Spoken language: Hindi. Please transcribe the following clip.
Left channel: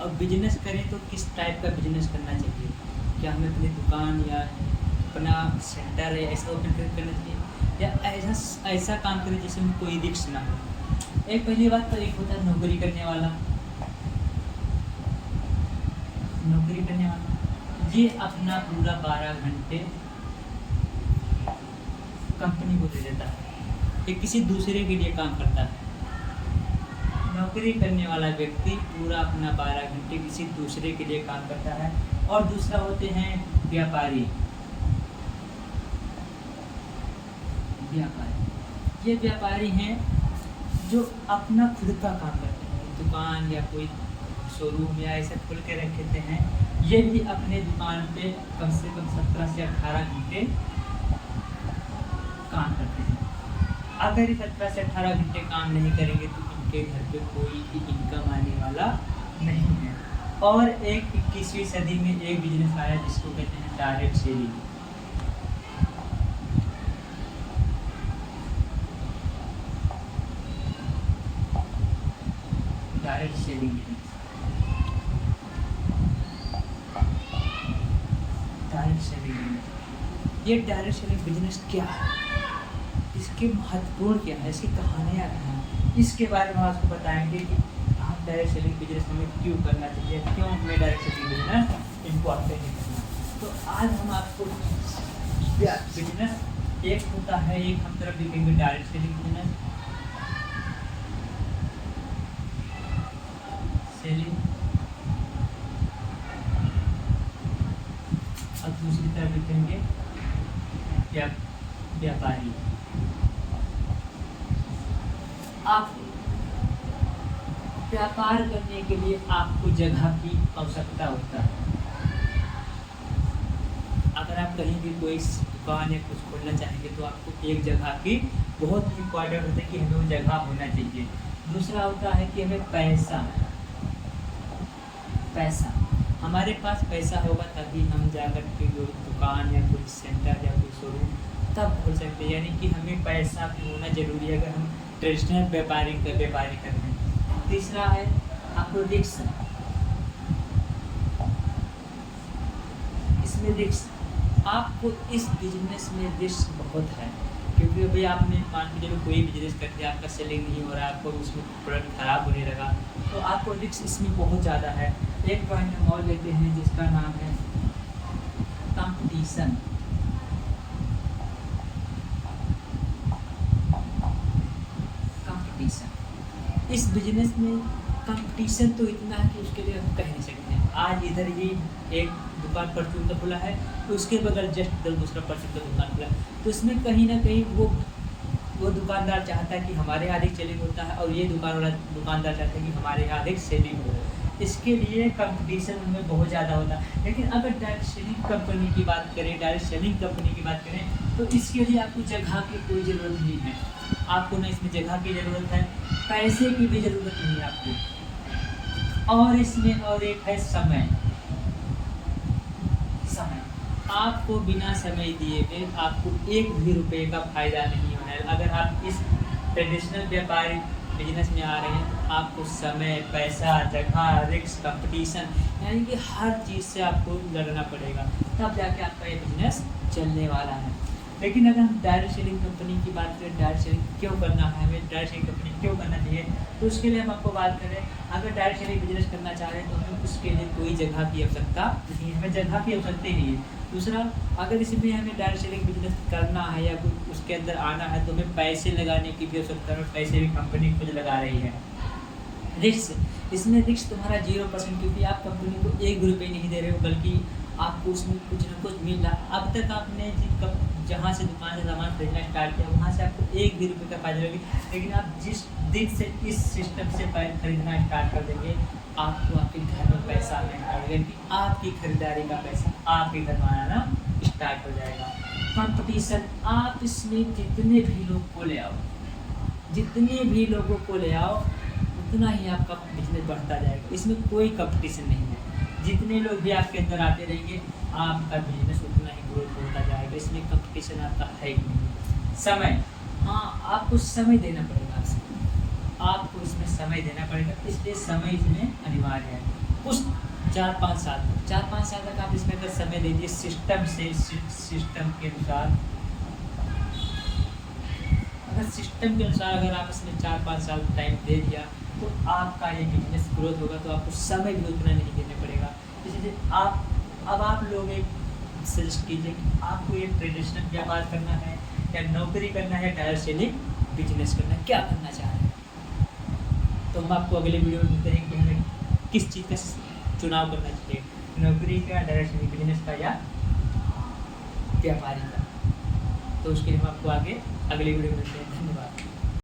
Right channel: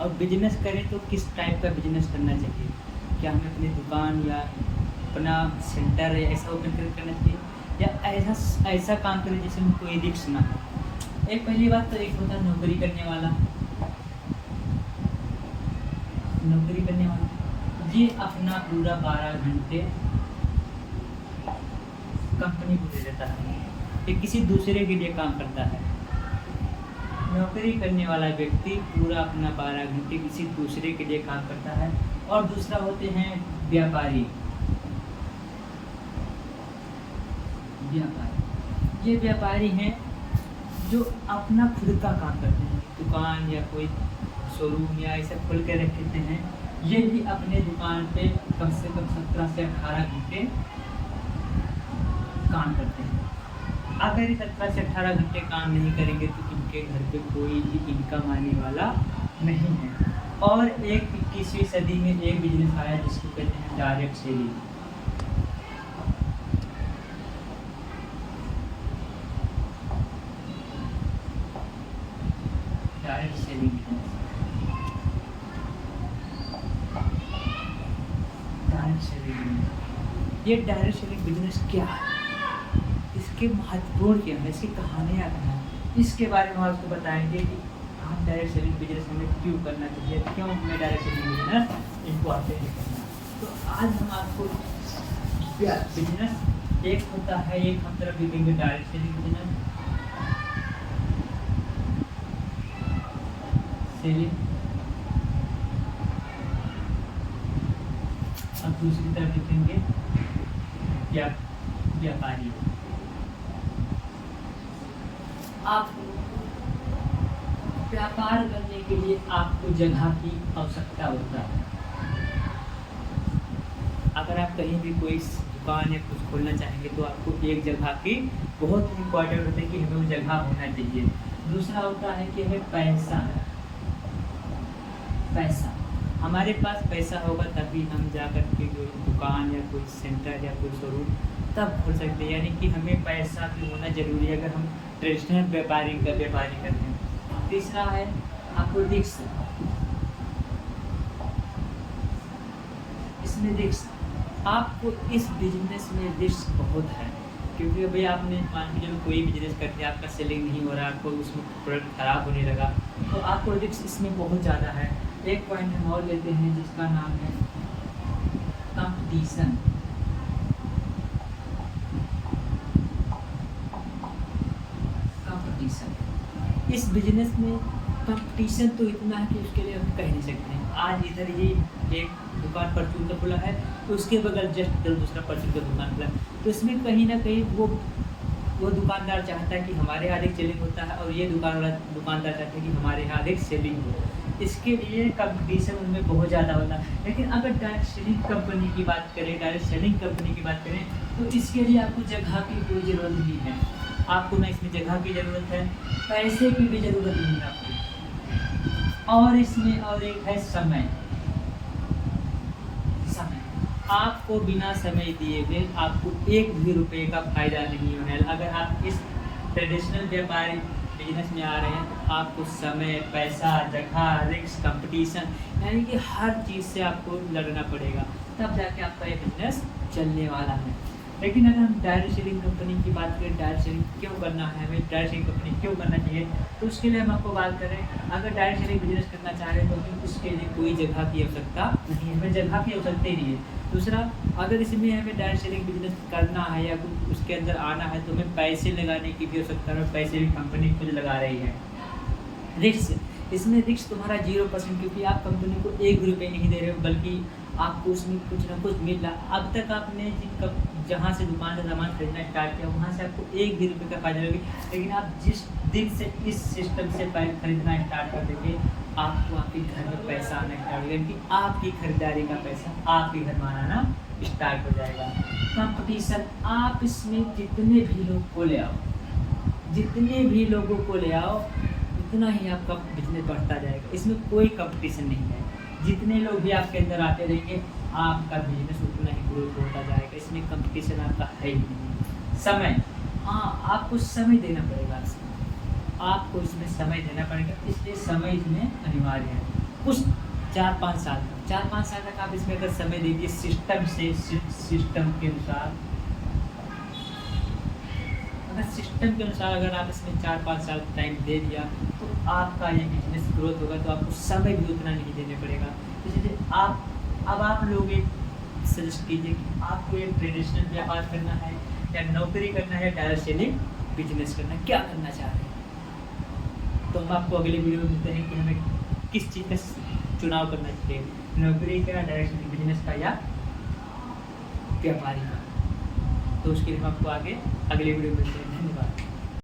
और बिजनेस करें तो किस टाइप का बिजनेस करना चाहिए, क्या हमें अपनी दुकान या अपना सेंटर है ऐसा ओपन करना चाहिए, या ऐसा ऐसा काम करें जिसमें कोई रिस्क ना हो। एक पहली बात तो एक होता है नौकरी करने वाला, ये अपना पूरा 12 घंटे कंपनी को दे देता है, ये किसी दूसरे के लिए काम करता है। नौकरी करने वाला व्यक्ति पूरा अपना 12 घंटे किसी दूसरे के लिए काम करता है। और दूसरा होते हैं व्यापारी। ये व्यापारी हैं जो अपना खुद का काम करते हैं, दुकान या कोई शोरूम या ऐसा खोल के रखते हैं। ये भी अपने दुकान पे कम से कम 17 से 18 घंटे काम करते हैं। अगर ये 17 से 18 घंटे काम नहीं करेंगे तो इनके घर पे कोई भी इनकम आने वाला नहीं है। और एक 21वीं सदी में एक बिजनेस आया जिसको कहते हैं direct selling. Direct selling business, direct selling business. ये डायरेक्ट सेलिंग बिजनेस क्या है, इसके महत्वपूर्ण क्या है, इसकी कहानियाँ क्या हैं, इसके बारे में आपको बताएंगे कि हम डायरेक्ट सेलिंग बिजनेस हमें क्यों करना चाहिए, क्यों हमें डायरेक्ट सेलिंग बिजनेस इम्पॉर्टेंट है। तो आज हम आपको बिजनेस एक होता है, एक हम तरफ देखेंगे डायरेक्ट सेलिंग बिजनेस, सेलिंग, और दूसरी तरफ देखेंगे व्यापारी। आप व्यापार करने के लिए आपको जगह की आवश्यकता होता है। अगर आप कहीं भी कोई दुकान या कुछ खोलना चाहेंगे तो आपको एक जगह की बहुत ही इम्पोर्टेंट होता है कि हमें वो जगह होना चाहिए। दूसरा होता है कि हमें पैसा हमारे पास पैसा होगा तभी हम जाकर के कोई दुकान या कोई सेंटर या कोई शोरूम तब खोल सकते हैं। यानी कि हमें पैसा भी होना जरूरी है अगर हम ट्रेडिशनल व्यापारी करते हैं। तीसरा है आपको रिस्क, इसमें रिस्क, आपको इस बिजनेस में रिस्क बहुत है। क्योंकि अभी आपने मान के चलो कोई बिजनेस करते हैं, आपका सेलिंग नहीं हो रहा है, आपको उसमें प्रोडक्ट खराब होने लगा तो आपको रिस्क इसमें बहुत ज़्यादा है। एक पॉइंट हम और लेते हैं जिसका नाम है कंपटीशन। इस बिजनेस में कंपटीशन तो इतना है कि उसके लिए हम कह नहीं सकते हैं। आज इधर ही एक दुकान परचून का खुला है तो उसके बगल जस्ट इधर दूसरा परचून का दुकान खुला है, तो इसमें कहीं ना कहीं वो दुकानदार चाहता है कि हमारे यहाँ अधिक सेलिंग होता है और ये दुकानदार चाहता है कि हमारे यहाँ अधिक सेलिंग हो। इसके लिए कंपटीशन उनमें बहुत ज़्यादा होता है। लेकिन अगर डायरेक्ट सेलिंग कंपनी की बात करें, डायरेक्ट सेलिंग कंपनी की बात करें तो इसके लिए आपको जगह की कोई ज़रूरत नहीं है। आपको ना इसमें जगह की ज़रूरत है, पैसे की भी ज़रूरत नहीं है आपको। और इसमें और एक है समय। आपको बिना समय दिए हुए आपको एक भी रुपए का फ़ायदा नहीं होना है। अगर आप इस ट्रेडिशनल व्यापारी बिजनेस में आ रहे हैं तो आपको समय, पैसा, जगह, रिस्क, कंपटीशन यानी कि हर चीज़ से आपको लड़ना पड़ेगा, तब जाके आपका ये बिजनेस चलने वाला है। लेकिन अगर हम डायरेक्ट सेलिंग कंपनी की बात करें, डायरेक्ट सेलिंग क्यों करना है, हमें डायरेक्ट सेलिंग कंपनी क्यों करना चाहिए, तो उसके लिए हम आपको बात करें, अगर डायरेक्ट सेलिंग बिजनेस करना चाह रहे हैं तो हमें उसके लिए कोई जगह की आवश्यकता नहीं है, हमें जगह की आवश्यकता ही नहीं है। दूसरा, अगर इसमें हमें डायरेक्ट सेलिंग बिजनेस करना है या कुछ उसके अंदर आना है तो हमें पैसे लगाने की भी आवश्यकता है, पैसे भी कंपनी खुद लगा रही है। रिस्क, इसमें रिस्क तुम्हारा 0%, क्योंकि आप कंपनी को एक भी रुपये नहीं दे रहे हो, बल्कि आपको उसमें कुछ ना कुछ मिल रहा। अब तक आपने जहाँ से दुकान से सामान खरीदना स्टार्ट किया वहाँ से आपको एक भी रुपये का फायदा होगी। लेकिन आप जिस दिन से इस सिस्टम से खरीदना स्टार्ट कर देंगे आपको आपके घर में पैसा आना स्टार्ट हो जाएगा, कि आपकी खरीदारी का पैसा आपके घर में आना स्टार्ट हो जाएगा। कंपटीशन, आप इसमें जितने भी लोग को ले आओ, जितने भी लोगों को ले आओ उतना ही आपका बिजनेस बढ़ता जाएगा। इसमें कोई कंपटीशन नहीं है, जितने लोग भी आपके अंदर आते रहेंगे आपका बिजनेस उतना ही ग्रोथ होता जाएगा। इसमें कंपटीशन आपका है ही नहीं। समय, हाँ आपको समय देना पड़ेगा, आपको इसमें समय देना पड़ेगा, इसलिए समय इसमें अनिवार्य है। कुछ 4-5 साल तक आप इसमें अगर समय दे दिए सिस्टम के अनुसार, अगर आप इसमें 4-5 साल टाइम दे दिया तो आपका ये बिजनेस ग्रोथ होगा, तो आपको समय भी उतना नहीं देने पड़ेगा। इसलिए आप लोग एक सजेस्ट कीजिए कि आपको एक ट्रेडिशनल व्यापार करना है या नौकरी करना है, डायरेक्ट सेलिंग बिजनेस करना है, क्या करना चाह रहे हैं। तो हम आपको अगले वीडियो में मिलते हैं कि हमें किस चीज़ का चुनाव करना चाहिए, नौकरी का, डायरेक्ट सेलिंग बिजनेस का या व्यापारी का। तो उसके लिए हम आपको आगे अगले वीडियो में मिलते हैं। धन्यवाद।